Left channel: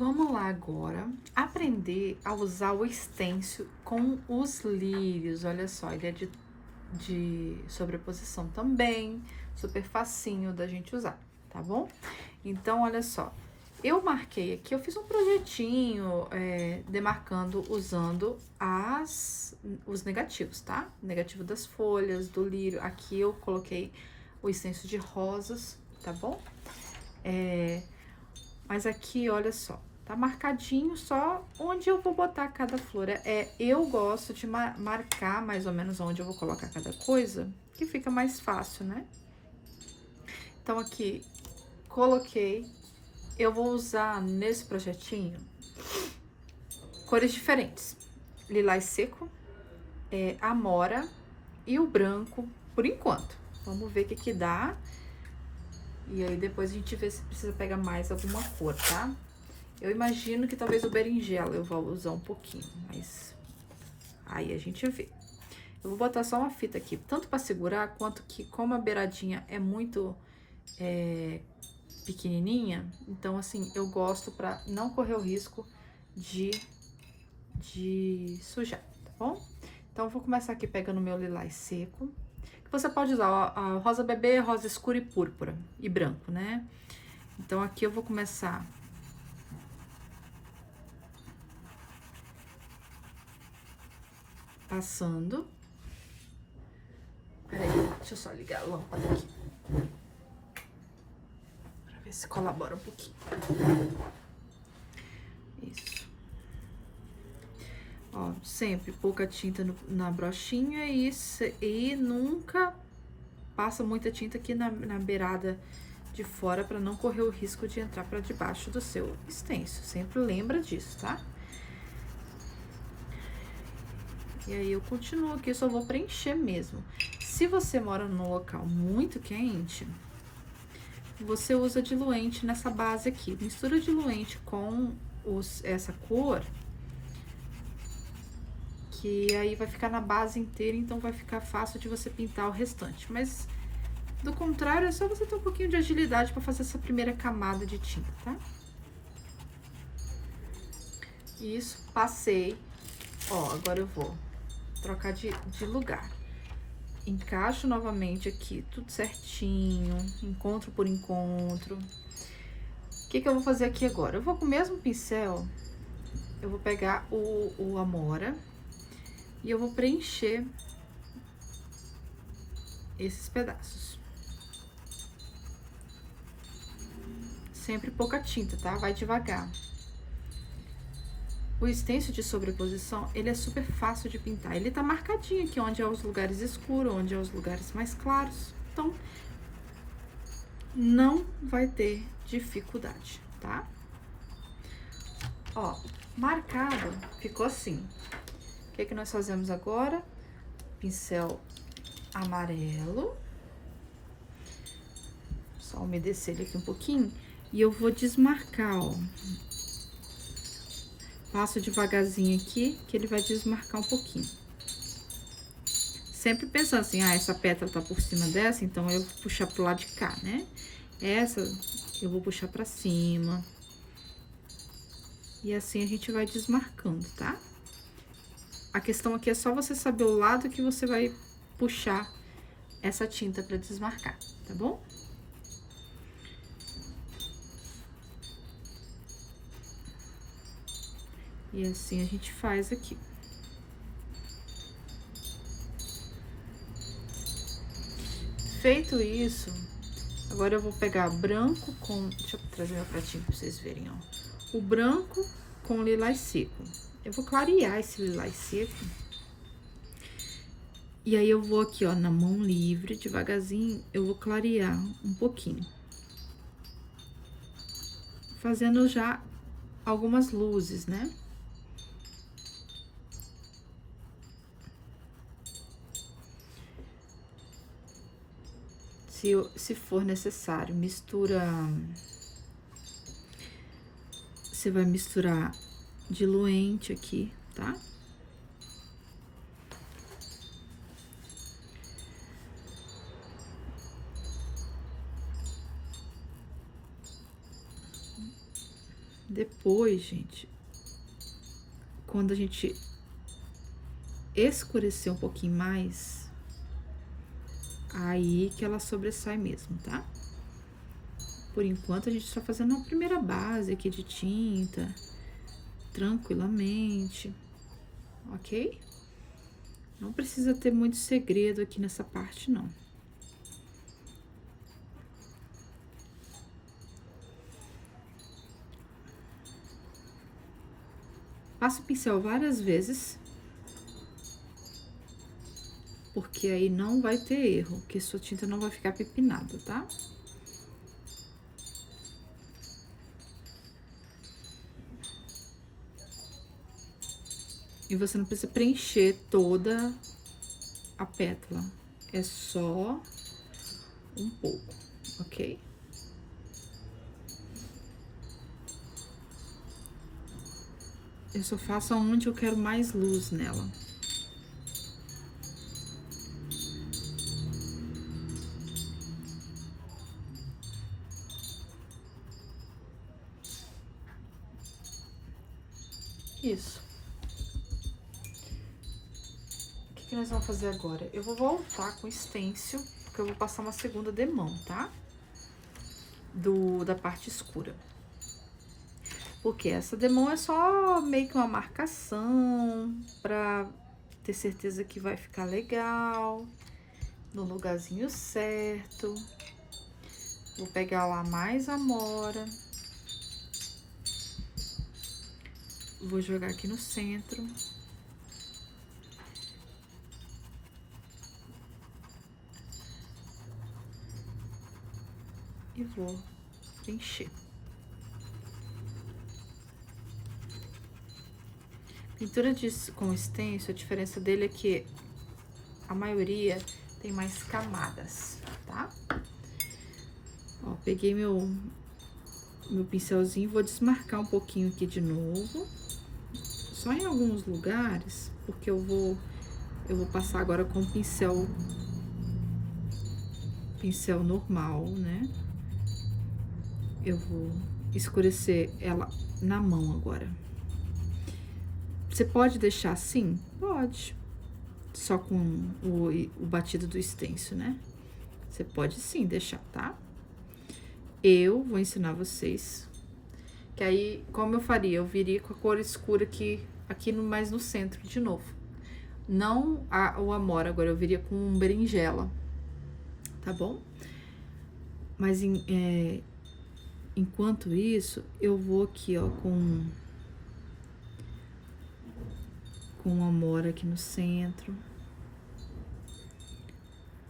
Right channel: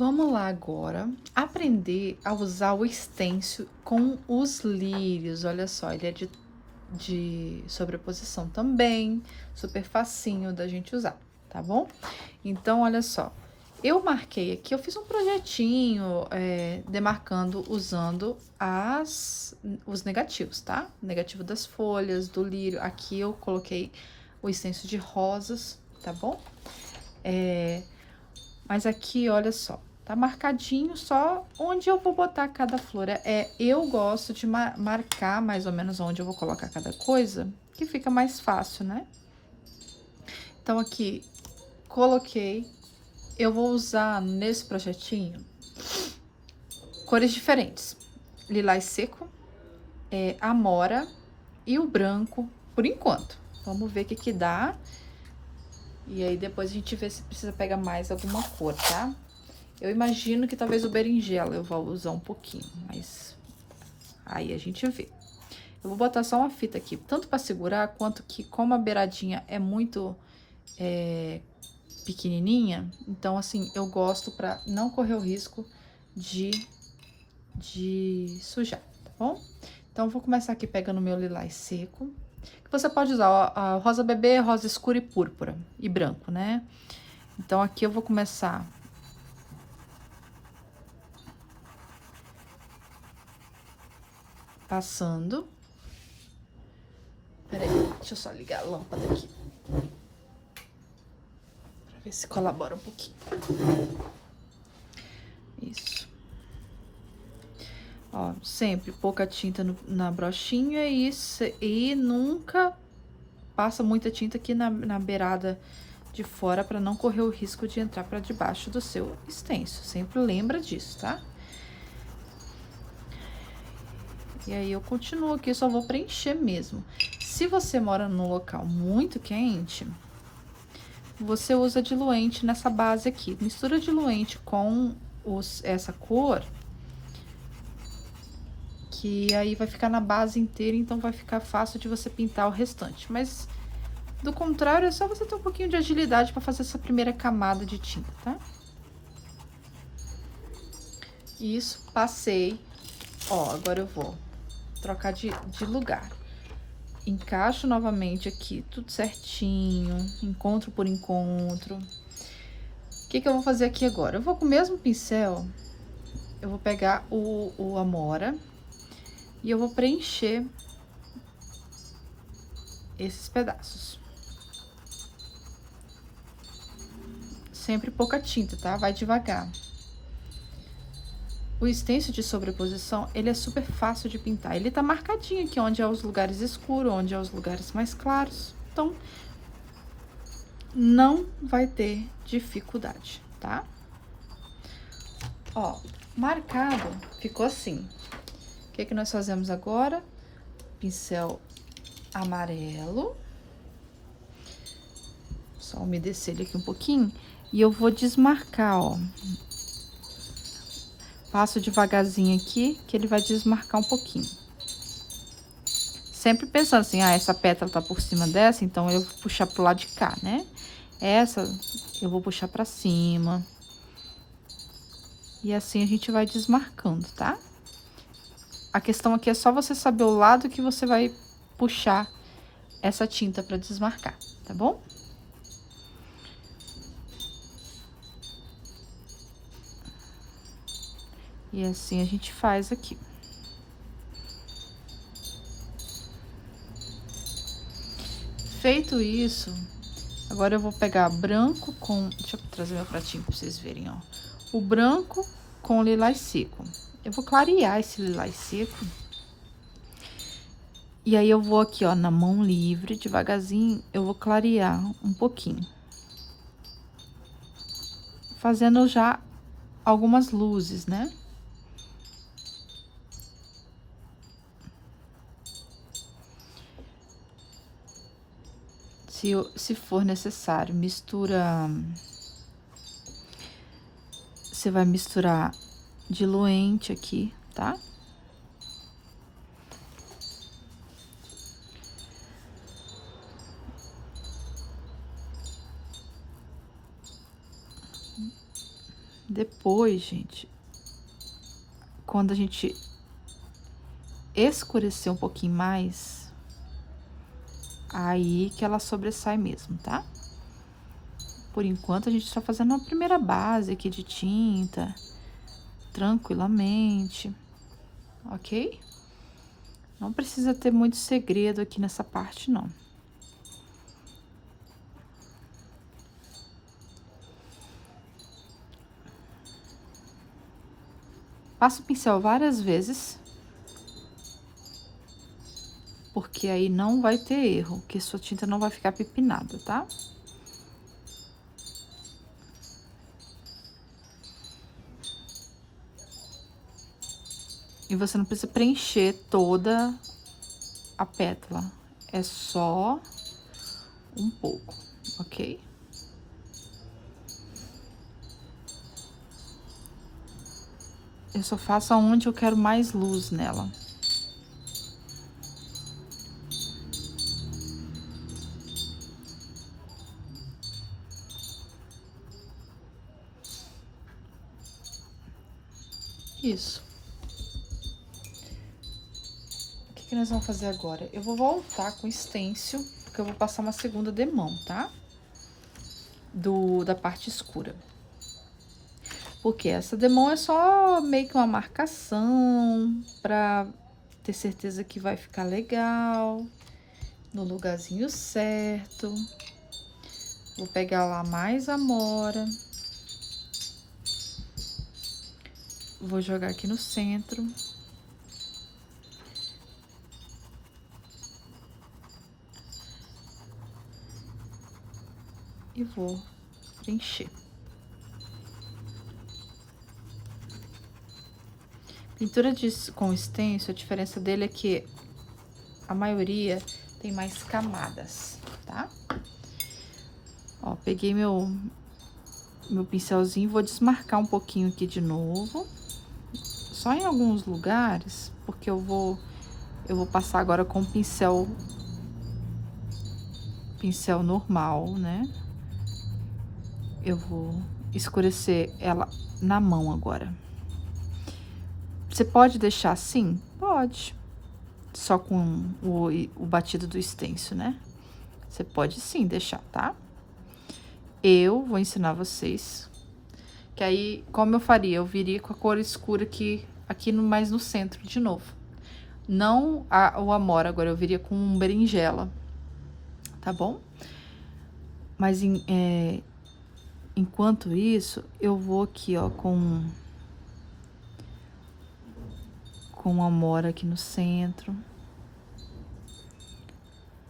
Vamos lá agora aprender a usar o stencil com os lírios. Olha só, ele é de sobreposição também, super facinho da gente usar, tá bom? Então, olha só, eu marquei aqui, eu fiz um projetinho demarcando usando os negativos, tá? Negativo das folhas, do lírio. Aqui eu coloquei o stencil de rosas, tá bom? Mas aqui, olha só, tá marcadinho só onde eu vou botar cada flor. Eu gosto de marcar mais ou menos onde eu vou colocar cada coisa, que fica mais fácil, né? Então, aqui, coloquei. Eu vou usar nesse projetinho cores diferentes. Lilás seco, amora e o branco, por enquanto. Vamos ver o que dá. E aí, depois a gente vê se precisa pegar mais alguma cor, tá? Eu imagino que talvez o berinjela eu vou usar um pouquinho, mas aí a gente vê. Eu vou botar só uma fita aqui, tanto para segurar, quanto que como a beiradinha é muito pequenininha, então assim, eu gosto para não correr o risco de sujar, tá bom? Então, eu vou começar aqui pegando meu lilás seco. Você pode usar a rosa bebê, rosa escura e púrpura e branco, né? Então, aqui eu vou começar passando. Peraí, deixa eu só ligar a lâmpada aqui. Pra ver se colabora um pouquinho. Isso. Ó, sempre pouca tinta na brochinha e nunca passa muita tinta aqui na beirada de fora pra não correr o risco de entrar pra debaixo do seu stencil. Sempre lembra disso, tá? E aí, eu continuo aqui, só vou preencher mesmo. Se você mora num local muito quente, você usa diluente nessa base aqui. Mistura diluente com essa cor, que aí vai ficar na base inteira, então vai ficar fácil de você pintar o restante. Mas, do contrário, é só você ter um pouquinho de agilidade para fazer essa primeira camada de tinta, tá? Isso, passei. Ó, agora eu vou trocar de lugar. Encaixo novamente aqui, tudo certinho, encontro por encontro. O que eu vou fazer aqui agora? Eu vou com o mesmo pincel, eu vou pegar o amora e eu vou preencher esses pedaços. Sempre pouca tinta, tá? Vai devagar. O stencil de sobreposição, ele é super fácil de pintar. Ele tá marcadinho aqui onde é os lugares escuros, onde é os lugares mais claros. Então, não vai ter dificuldade, tá? Ó, marcado, ficou assim. O que nós fazemos agora? Pincel amarelo. Só umedecer ele aqui um pouquinho. E eu vou desmarcar, ó. Passo devagarzinho aqui, que ele vai desmarcar um pouquinho. Sempre pensando assim, essa pétala tá por cima dessa, então eu vou puxar pro lado de cá, né? Essa eu vou puxar pra cima. E assim a gente vai desmarcando, tá? A questão aqui é só você saber o lado que você vai puxar essa tinta pra desmarcar, tá bom? E assim a gente faz aqui. Feito isso, agora eu vou pegar branco com... Deixa eu trazer meu pratinho pra vocês verem, ó. O branco com o lilás seco. Eu vou clarear esse lilás seco. E aí, eu vou aqui, ó, na mão livre, devagarzinho, eu vou clarear um pouquinho. Fazendo já algumas luzes, né? Se for necessário, mistura... Você vai misturar diluente aqui, tá? Depois, gente, quando a gente escurecer um pouquinho mais, aí que ela sobressai mesmo, tá? Por enquanto, a gente tá fazendo a primeira base aqui de tinta, tranquilamente, ok? Não precisa ter muito segredo aqui nessa parte, não. Passa o pincel várias vezes, porque aí não vai ter erro, que sua tinta não vai ficar pipinada, tá? E você não precisa preencher toda a pétala, é só um pouco, ok? Eu só faço aonde eu quero mais luz nela. Isso. O que nós vamos fazer agora? Eu vou voltar com o stencil, porque eu vou passar uma segunda demão, tá? Da parte escura. Porque essa demão é só meio que uma marcação pra ter certeza que vai ficar legal, no lugarzinho certo. Vou pegar lá mais amora. Vou jogar aqui no centro. E vou preencher. Pintura com stencil, a diferença dele é que a maioria tem mais camadas, tá? Ó, peguei meu pincelzinho, vou desmarcar um pouquinho aqui de novo. Só em alguns lugares, porque eu vou passar agora com pincel normal, né? Eu vou escurecer ela na mão agora. Você pode deixar assim? Pode. Só com o batido do stencil, né? Você pode sim deixar, tá? Eu vou ensinar vocês. Que aí, como eu faria? Eu viria com a cor escura aqui mais no centro de novo. Não o amora, agora eu viria com um berinjela, tá bom? Mas enquanto isso, eu vou aqui, ó, com amora aqui no centro.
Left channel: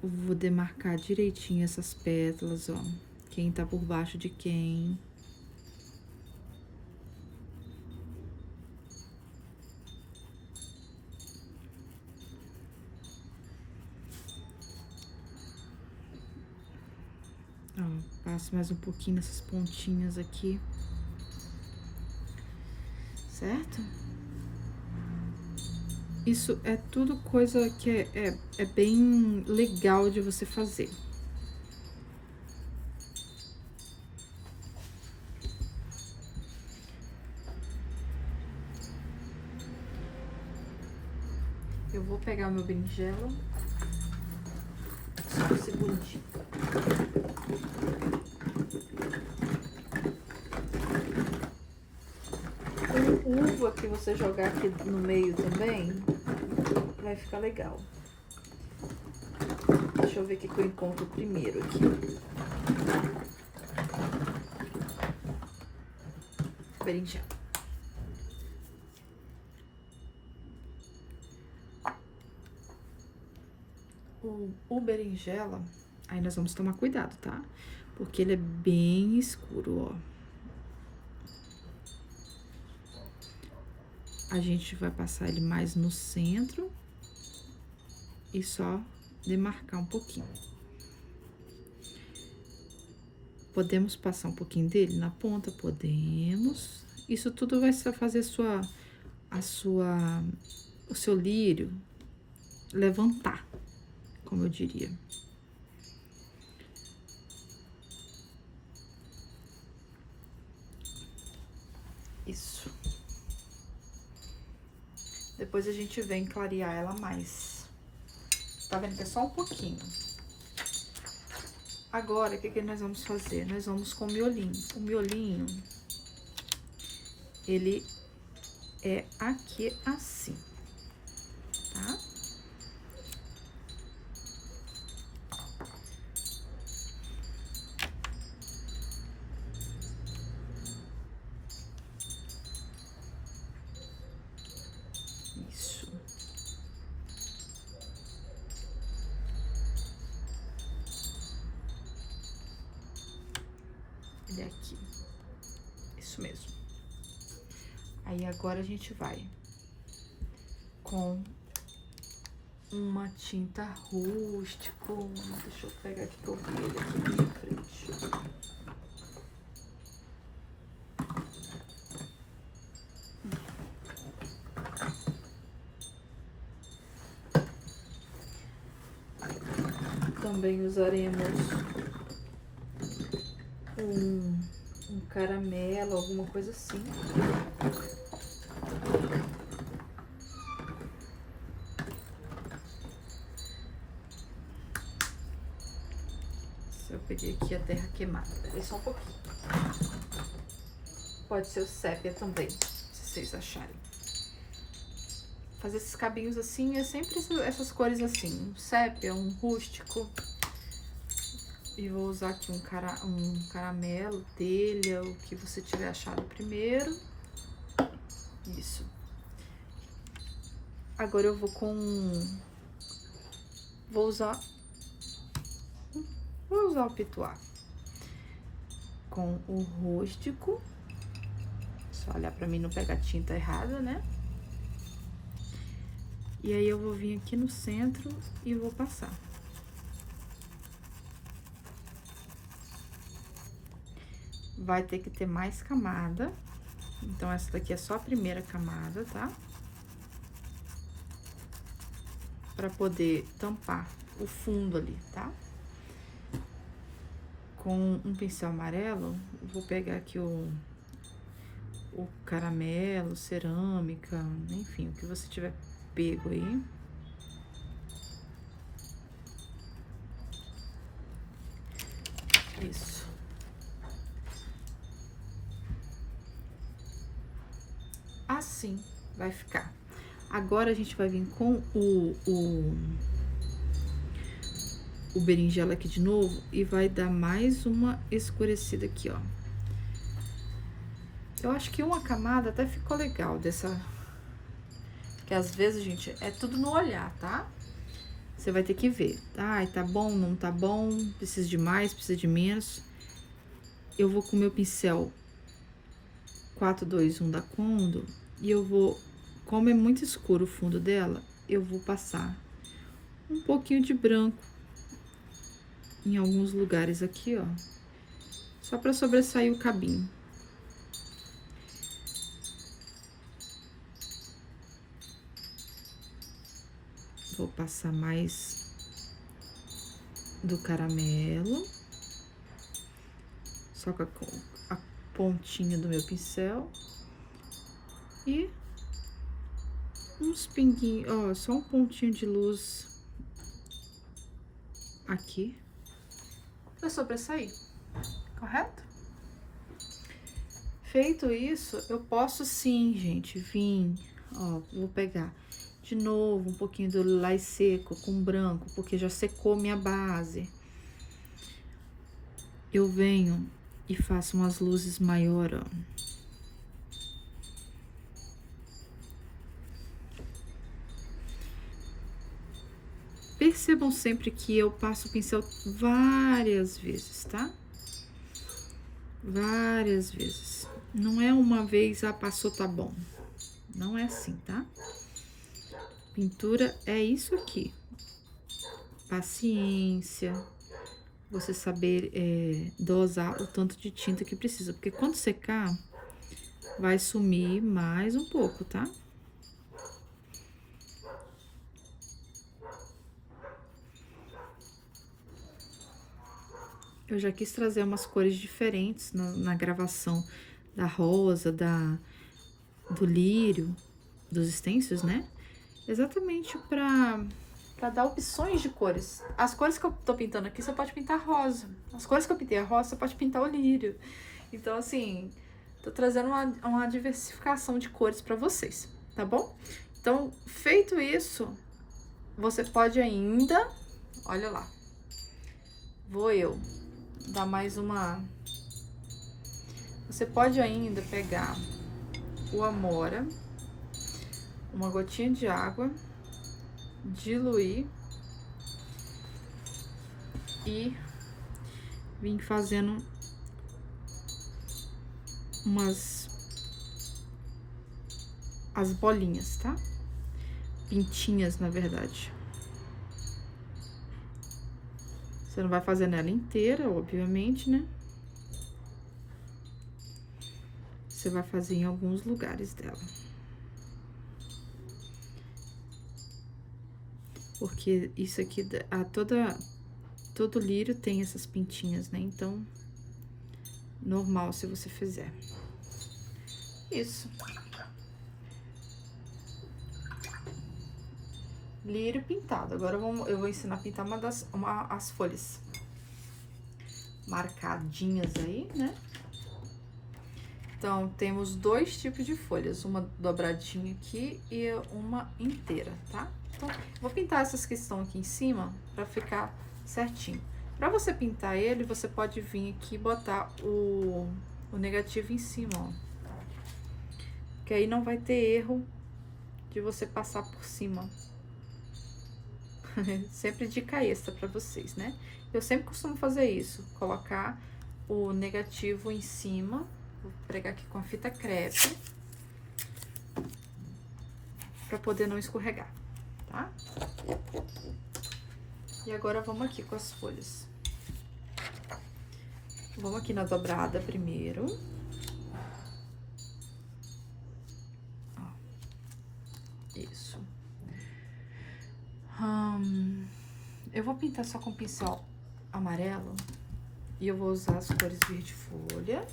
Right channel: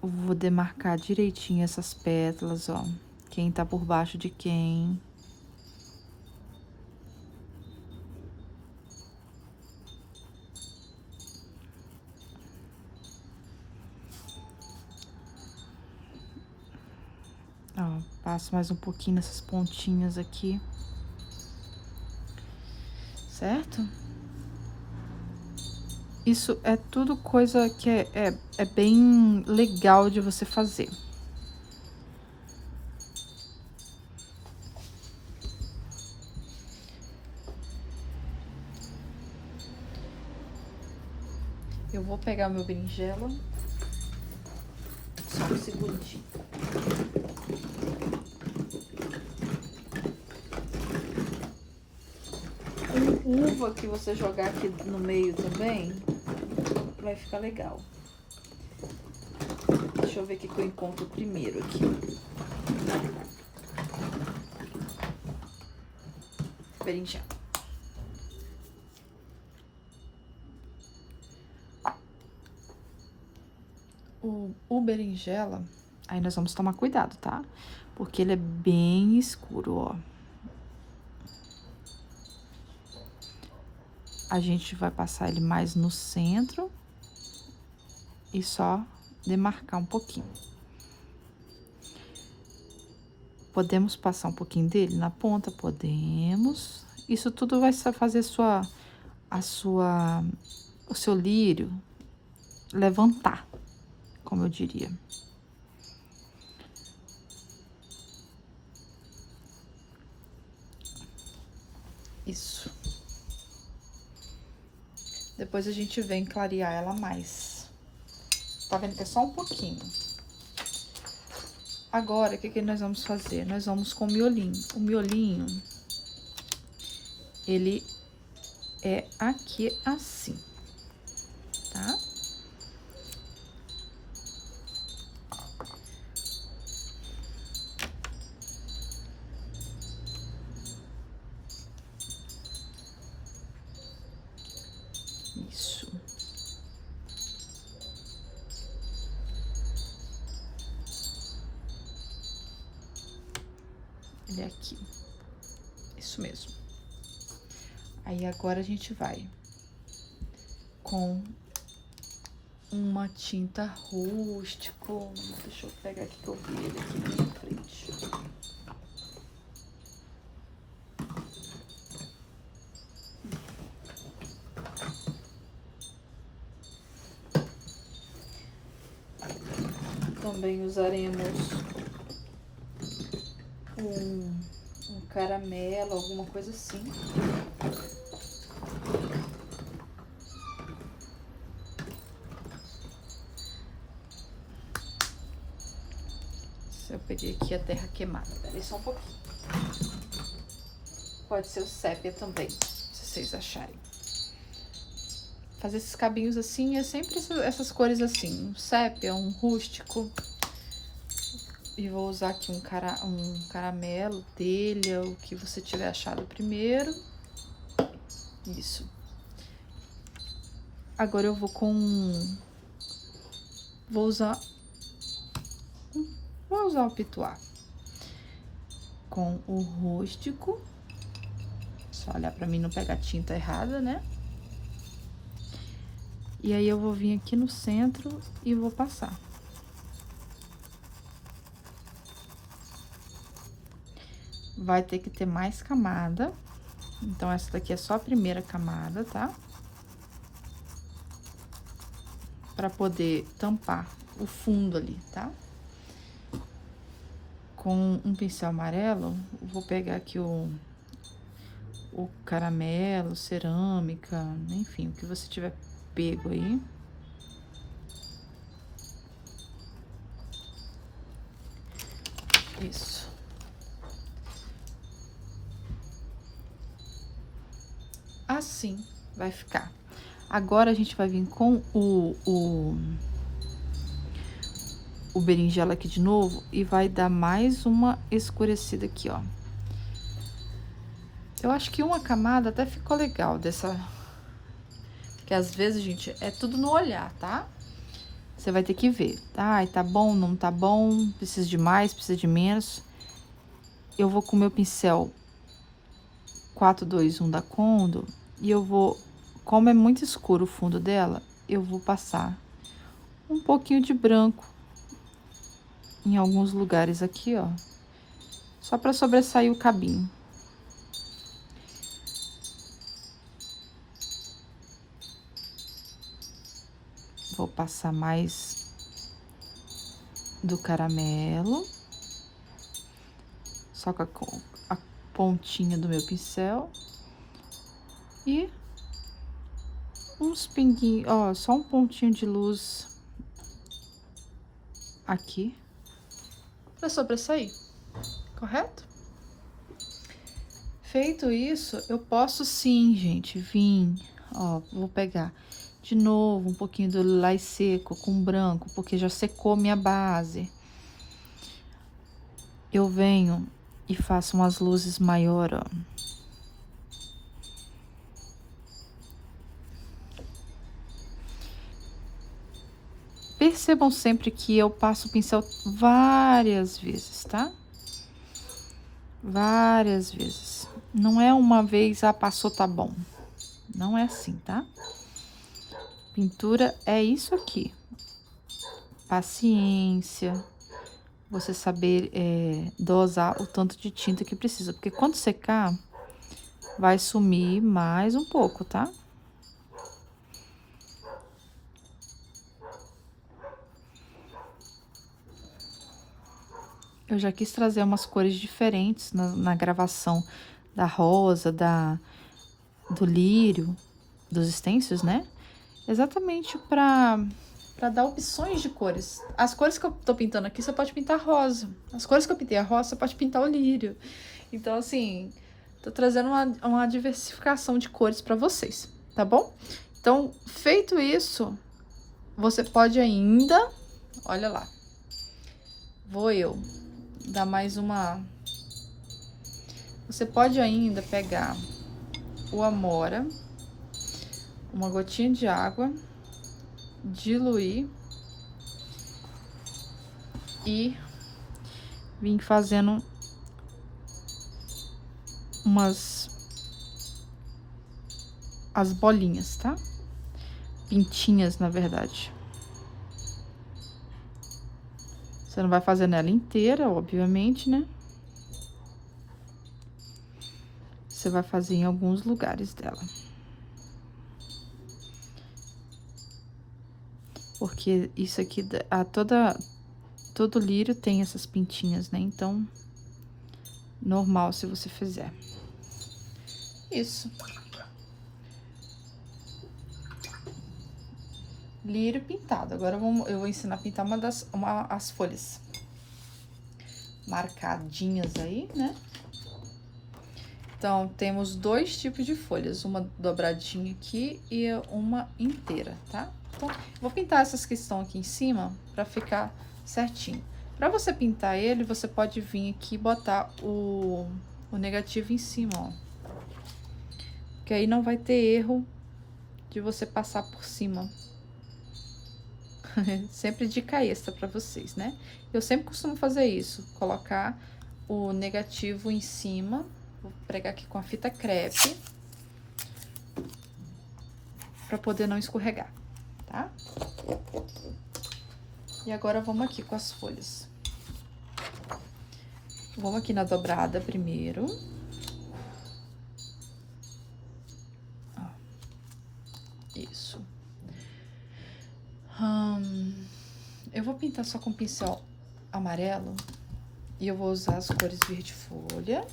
Vou demarcar direitinho essas pétalas, ó. Quem tá por baixo de quem. Ó, passo mais um pouquinho nessas pontinhas aqui. Certo? Isso é tudo coisa que é bem legal de você fazer. Eu vou pegar meu berinjela. Só um segundinho. Uva que você jogar aqui no meio também, vai ficar legal. Deixa eu ver o que eu encontro primeiro aqui. Berinjela. O berinjela, aí nós vamos tomar cuidado, tá? Porque ele é bem escuro, ó. A gente vai passar ele mais no centro e só demarcar um pouquinho. Podemos passar um pouquinho dele na ponta? Podemos. Isso tudo vai fazer o seu lírio levantar, como eu diria. Isso. Depois a gente vem clarear ela mais. Tá vendo que é só um pouquinho. Agora, o que nós vamos fazer? Nós vamos com o miolinho. O miolinho, ele é aqui assim, tá? Isso. Ele é aqui. Isso mesmo. Aí, agora a gente vai com uma tinta rústico. Deixa eu pegar aqui pra eu ver ele aqui na minha frente. Também usaremos um caramelo, alguma coisa assim. Eu peguei aqui a terra queimada. Peraí só um pouquinho. Pode ser o sépia também, se vocês acharem. Fazer esses cabinhos assim é sempre essas cores assim. Um sépia, um rústico. E vou usar aqui um caramelo, telha, o que você tiver achado primeiro. Isso. Agora eu vou Vou usar o pituá. Com o rústico. Só olhar pra mim não pegar tinta errada, né? E aí eu vou vir aqui no centro e vou passar. Vai ter que ter mais camada. Então, essa daqui é só a primeira camada, tá? Pra poder tampar o fundo ali, tá? Com um pincel amarelo, eu vou pegar aqui o caramelo, cerâmica, enfim, o que você tiver pego aí. Isso. Assim vai ficar. Agora, a gente vai vir com o berinjela aqui de novo e vai dar mais uma escurecida aqui, ó. Eu acho que uma camada até ficou legal dessa... Porque às vezes, gente, é tudo no olhar, tá? Você vai ter que ver. Ai, tá bom, não tá bom, precisa de mais, precisa de menos. Eu vou com o meu pincel 421 da Condo e eu vou... Como é muito escuro o fundo dela, eu vou passar um pouquinho de branco em alguns lugares aqui, ó. Só pra sobressair o cabinho. Vou passar mais do caramelo. Só com a pontinha do meu pincel. E uns pinguinhos, ó, só um pontinho de luz aqui. Pra sobressair, correto? Feito isso, eu posso sim, gente, vir, ó, vou pegar de novo um pouquinho do lilás seco com branco, porque já secou minha base. Eu venho e faço umas luzes maior, ó. Percebam sempre que eu passo o pincel várias vezes, tá? Várias vezes. Não é uma vez, ah, passou, tá bom. Não é assim, tá? Pintura é isso aqui. Paciência. Você saber dosar o tanto de tinta que precisa. Porque quando secar, vai sumir mais um pouco, tá? Eu já quis trazer umas cores diferentes na gravação da rosa, do lírio, dos stencils, né? Exatamente para dar opções de cores. As cores que eu tô pintando aqui, você pode pintar rosa. As cores que eu pintei a rosa, você pode pintar o lírio. Então, assim, tô trazendo uma diversificação de cores para vocês, tá bom? Então, feito isso, você pode ainda, olha lá, vou eu dar mais uma... Você pode ainda pegar o amora, uma gotinha de água, diluir e vir fazendo as bolinhas, tá? Pintinhas, na verdade. Você não vai fazer nela inteira, obviamente, né? Você vai fazer em alguns lugares dela. Porque isso aqui, todo lírio tem essas pintinhas, né? Então, normal se você fizer. Isso. Lírio pintado. Agora eu vou ensinar a pintar as folhas marcadinhas aí, né? Então, temos dois tipos de folhas, uma dobradinha aqui e uma inteira, tá? Então, vou pintar essas que estão aqui em cima pra ficar certinho. Pra você pintar ele, você pode vir aqui e botar o negativo em cima, ó. Porque aí não vai ter erro de você passar por cima. Sempre dica extra pra vocês, né? Eu sempre costumo fazer isso, colocar o negativo em cima. Vou pregar aqui com a fita crepe pra poder não escorregar, tá? E agora vamos aqui com as folhas. Vamos aqui na dobrada primeiro. Ó, isso. Eu vou pintar só com pincel amarelo e eu vou usar as cores verde folha,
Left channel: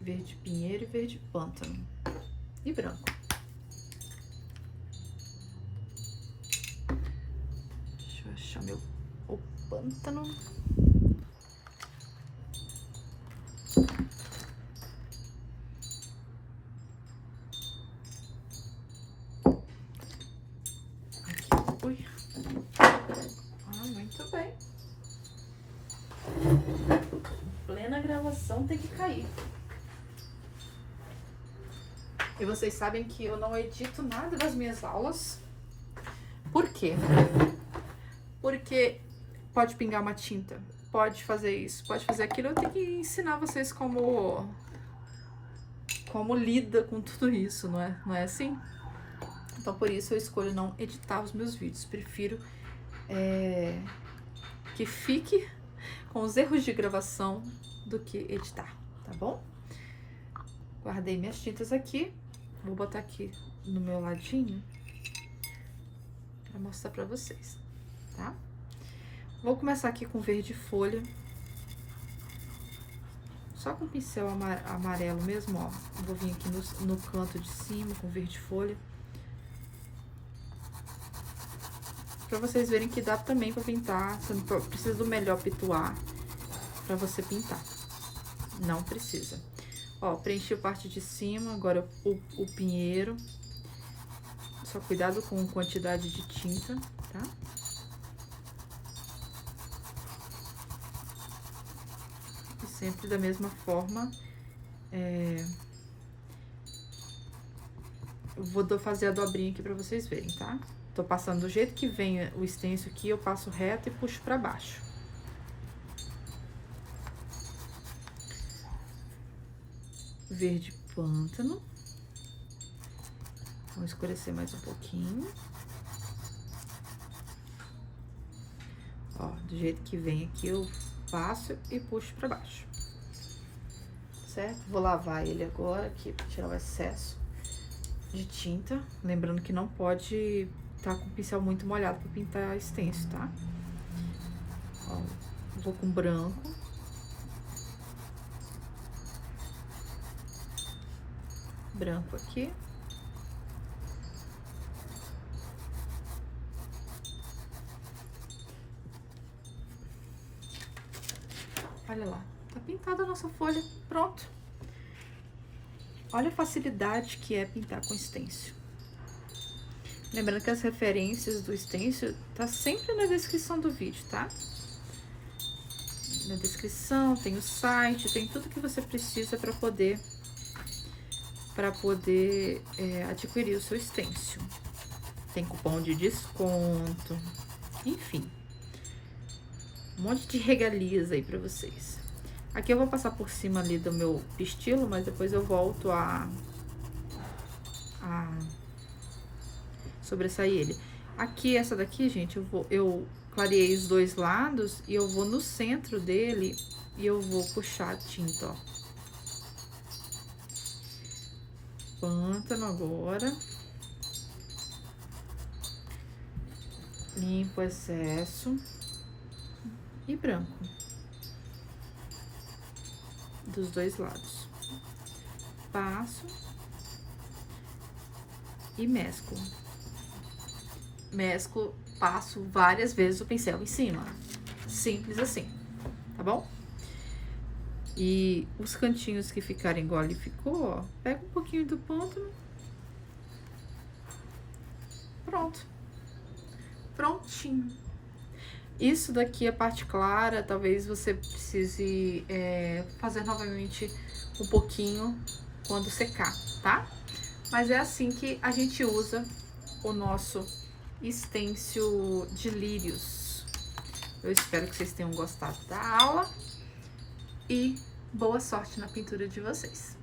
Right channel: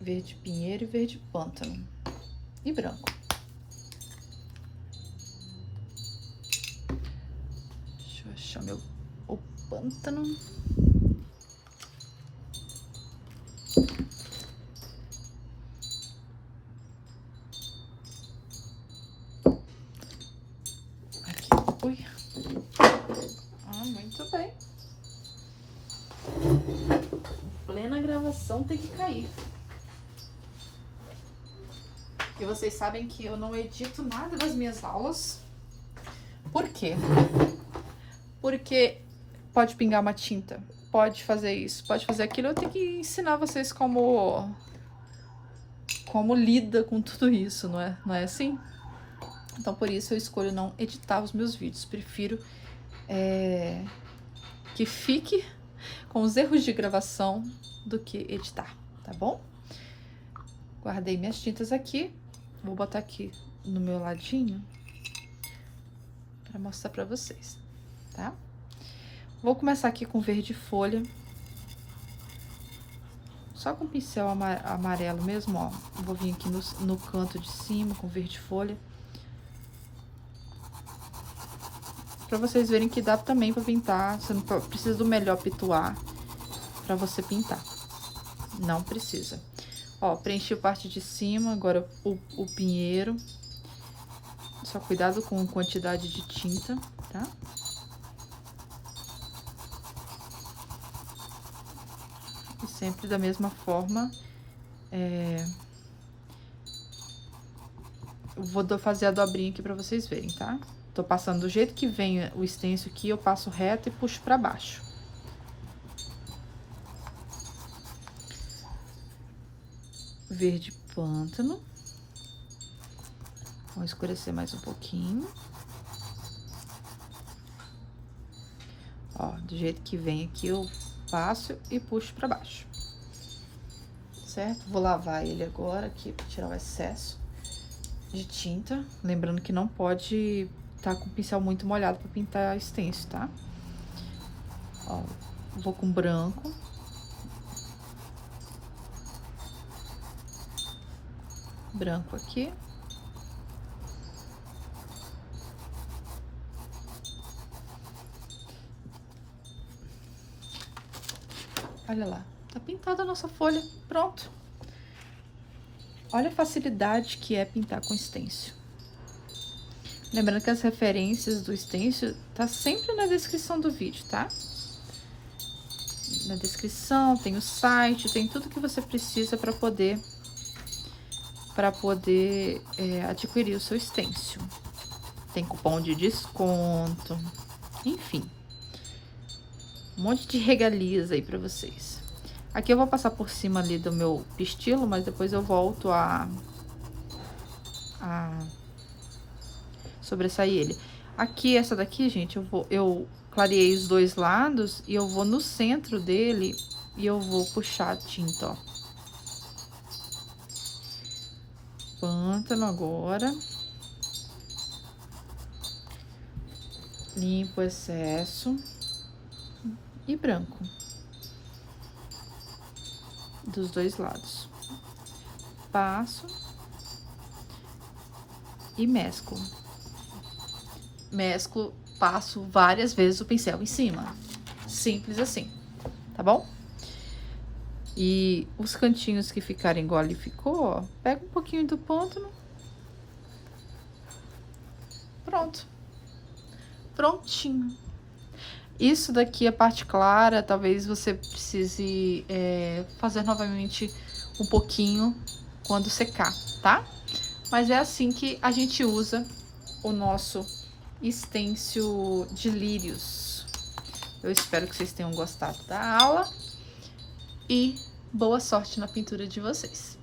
verde pinheiro e verde pântano e branco. Deixa eu achar o pântano. Aqui, ui. Ah, muito bem. Plena gravação tem que cair. E vocês sabem que eu não edito nada das minhas aulas. Por quê? Porque pode pingar uma tinta, pode fazer isso, pode fazer aquilo. Eu tenho que ensinar vocês como lida com tudo isso, não é assim? Então, por isso eu escolho não editar os meus vídeos. Prefiro que fique com os erros de gravação do que editar, tá bom? Guardei minhas tintas aqui. Vou botar aqui no meu ladinho para mostrar para vocês, tá? Vou começar aqui com verde folha. Só com pincel amarelo mesmo, ó. Vou vir aqui no canto de cima com verde folha. Pra vocês verem que dá também pra pintar. Você não precisa do melhor pituar pra você pintar. Não precisa. Ó, preenchi a parte de cima, agora o pinheiro. Só cuidado com a quantidade de tinta, tá? E sempre da mesma forma, eu vou fazer a dobrinha aqui pra vocês verem, tá? Tô passando do jeito que vem o stencil aqui, eu passo reto e puxo pra baixo. Verde pântano. Vamos escurecer mais um pouquinho. Ó, do jeito que vem aqui, eu passo e puxo pra baixo. Certo? Vou lavar ele agora aqui pra tirar o excesso de tinta. Lembrando que não pode tá com o pincel muito molhado pra pintar stencil, tá? Ó, vou com branco. branco aqui. Olha lá, tá pintada a nossa folha, pronto. Olha a facilidade que é pintar com stencil. Lembrando que as referências do stencil tá sempre na descrição do vídeo, tá? Na descrição tem o site, tem tudo que você precisa para poder adquirir o seu stencil. Tem cupom de desconto, enfim, um monte de regalias aí para vocês. Aqui eu vou passar por cima ali do meu pistilo, mas depois eu volto a sobressair ele. Aqui, essa daqui, gente, eu clareei os dois lados e eu vou no centro dele e eu vou puxar a tinta, ó. Pântano agora. Limpo o excesso. E branco. Dos dois lados. Passo. E mesclo. Mesclo, passo várias vezes o pincel em cima. Simples assim, tá bom? E os cantinhos que ficarem igual ali ficou, ó, pega um pouquinho do pântano. Pronto. Prontinho. Isso daqui, a parte clara, talvez você precise fazer novamente um pouquinho quando secar, tá? Mas é assim que a gente usa o nosso stencil de lírios. Eu espero que vocês tenham gostado da aula e boa sorte na pintura de vocês.